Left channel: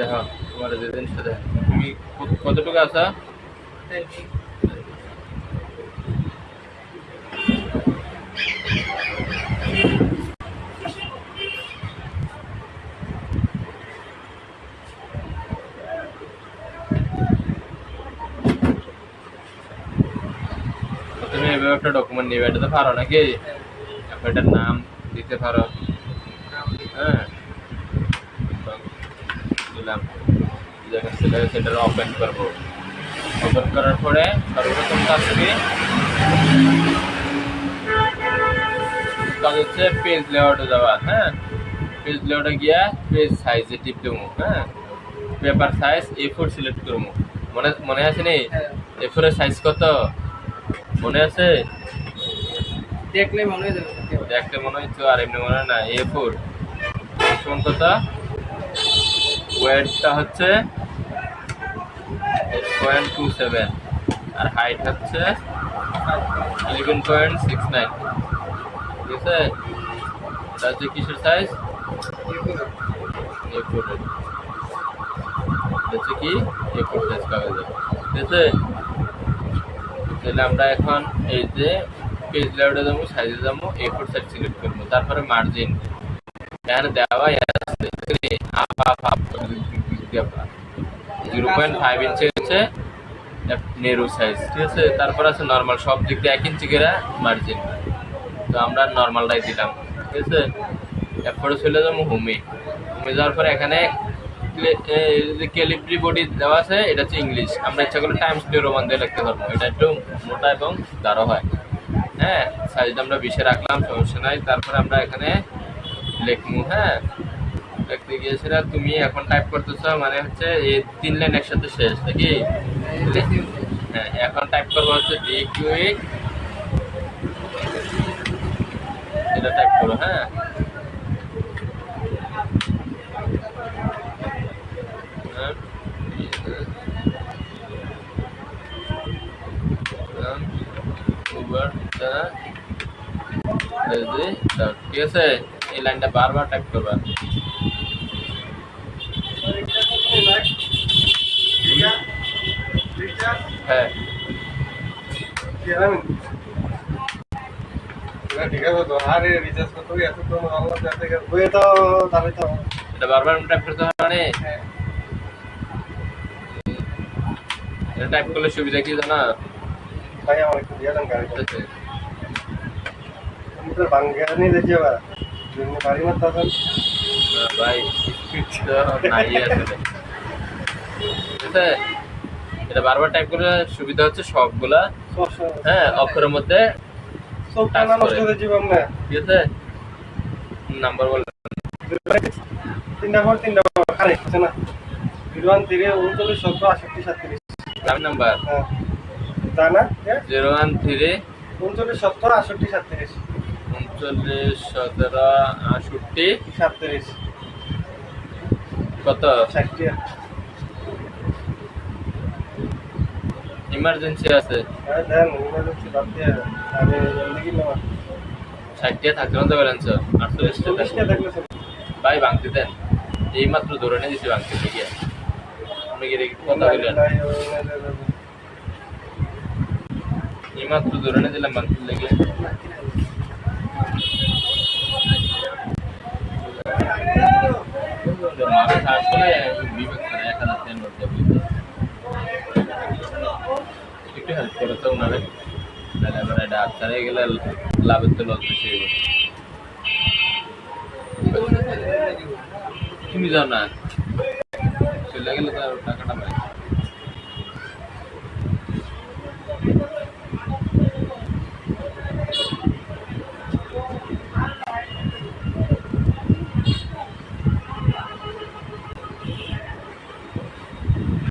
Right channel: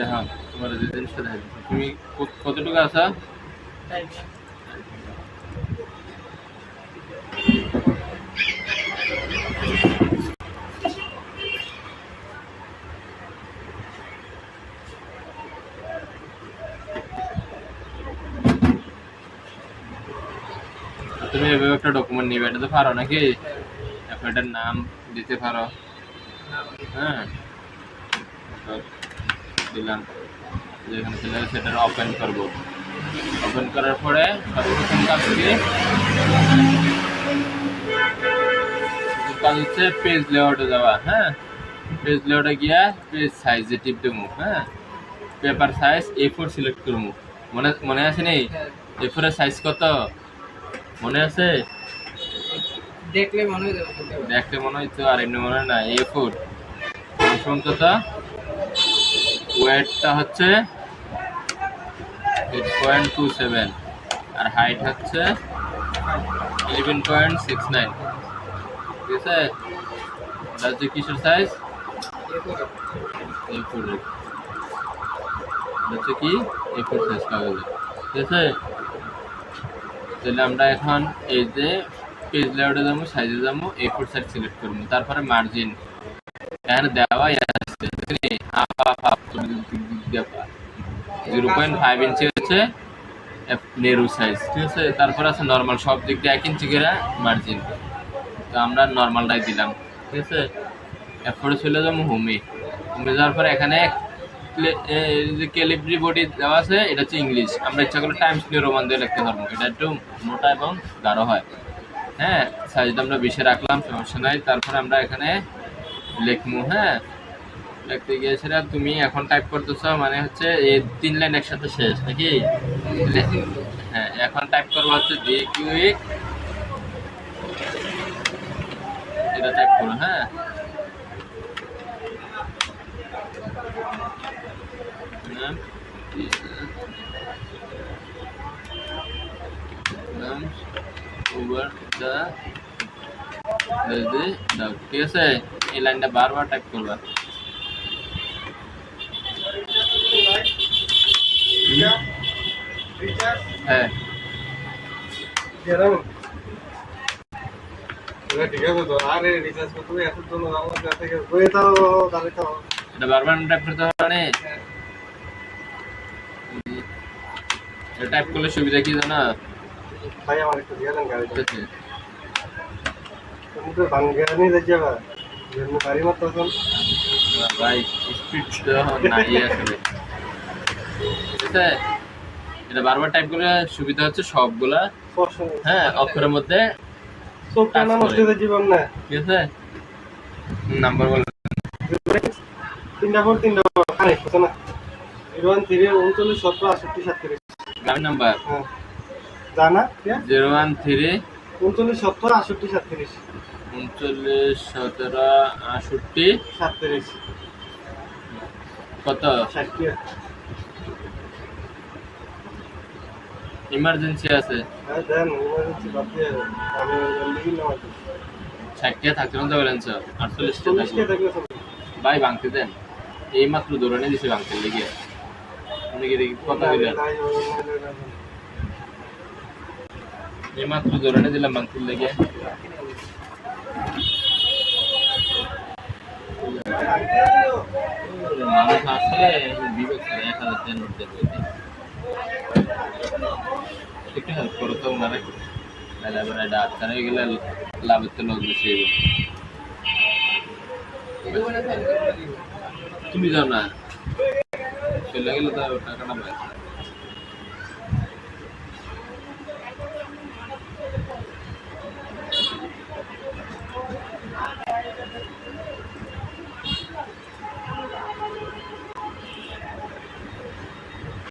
দেখো তোমার যে জিনিসটা দেখো তুমি কতটুকু আছো তুমি এভাবে একটা ডকুমেন্ট নিবে, এটা তো পারো নাকি? এটার নাম দিতে পারো। হ্যাঁ দিলাম, যেখানে সেটা ওপেন করবো। ওপেন করার পরে সর্বপ্রথম কাজ হচ্ছে পেজ লেআউটে যাওয়া। হ্যাঁ, পেজ লেআউটে গিয়া পেজ সাইজে টিপ দেবো। হ্যাঁ, পেপার সাইজ A4 সিলেক্ট করবো। মনে আছে নি A4 এর সাইজ কত মনে আছে? দেখলে মনে হইতো, আর এমনি মনে হয় না। A4 সমান কত? ওয়েটটা হচ্ছে 8.27 আর হাইট হচ্ছে 11.69। ঠিক আছে, এটা হচ্ছে কিসের সাইজ? A4 এর। এটা হচ্ছে কি A4 সাইজ কাগজের। ঠিক আছে, তাহলে আমরা এখন এই যে পেজ লেআউটে যাবো, সাইজে যাবো, A4 সাইজ সিলেক্ট করবো। তারপরে মার্জিন এখানে দেওয়াই আছে 0.5 ইঞ্চি হচ্ছে নেরু সাইজ। ঠিক আছে, তারপর আছে নর্মাল, সব দিক দিয়ে 1 ইঞ্চি করে মার্জিন। তো আমরা নর্মালটাই দিলাম। ঠিক আছে, এরপরে চলে যাবো হোমে যাওয়ার পরে এখানে যে ক্যালিব্রি বডি দেওয়া আছে, এটা হচ্ছে ইংলিশ। আমরা ইচ্ছা করলে টাইমস নিউ রোমান দিয়ে লিখতে পারবো, এটা একটু মোটা এবং গাঢ় হয়। হ্যাঁ, সাইজটা আমরা 20 রাখলাম, সমস্যা নাই। তারপরে আমরা এখানে লিখবো। হ্যাঁ, লিখতে গিয়েছিলাম, তুমি এখন টাইপ করতেছ মানে হচ্ছে এই 3 লাইন একসাথে শেষ নাকি? হ্যাঁ, এখন টাইপ করবো হচ্ছে ডি কিউইক, এটা টাইপ করো। হ্যাঁ, ঠিক আছে, এই লাইনটা বারবার টাইপ করবা। হ্যাঁ, এটা বারবার টাইপ করতে হবে। এটা টাইপ করলে সুবিধা কি জানা? ভাই আমার একটু দিয়ে দেন গাড়ি। আছে তুমি তো বাঙ্গানি দেখিবা যেন গাড়ি মত তখন ভাই স্পিড তো নাই আসলে। ঠিক আছে, এটা বারবার টাইপ করলে সুবিধা হচ্ছে সবগুলা হ্যাঁ অক্ষরের মধ্যে সবটা নাম হচ্ছে জীবন না। ঠিক আছে, নাম্বার বল। 3টা ফোর 3টা আরে আছে না 01 3 39 17 68 37 গ্রাম নাম্বার। হ্যাঁ জানা 01 3 39 17 68 37 39 17 68 37 কত? 60 ইমার্জেন্সি আছে। হ্যাঁ দেন ইমার্জেন্সি বাদ দিয়ে আমি জলদি কিনা 60 থাকতে না ব্যালেন্স 48 টা থাকলে ভাই ভাঙতে দেন, এই মাত্র ধরে নিয়ে দিছি ভাঙতে লেগে। আপনি কি কথা বললেন? এই মাত্র ধরে নিয়ে দিলাম ভাঙতে লেগে। মানুষ আসলে বিবেক ছাড়া 1000 নোট দেবে। একটু হেল্প করো তো ওনারে, তাহলে আবার এটা আচ্ছারে গেলে লাভের তো লস বেশি হইব। তুমি যাও না, চলে গেলে তো টাকাটা পাই।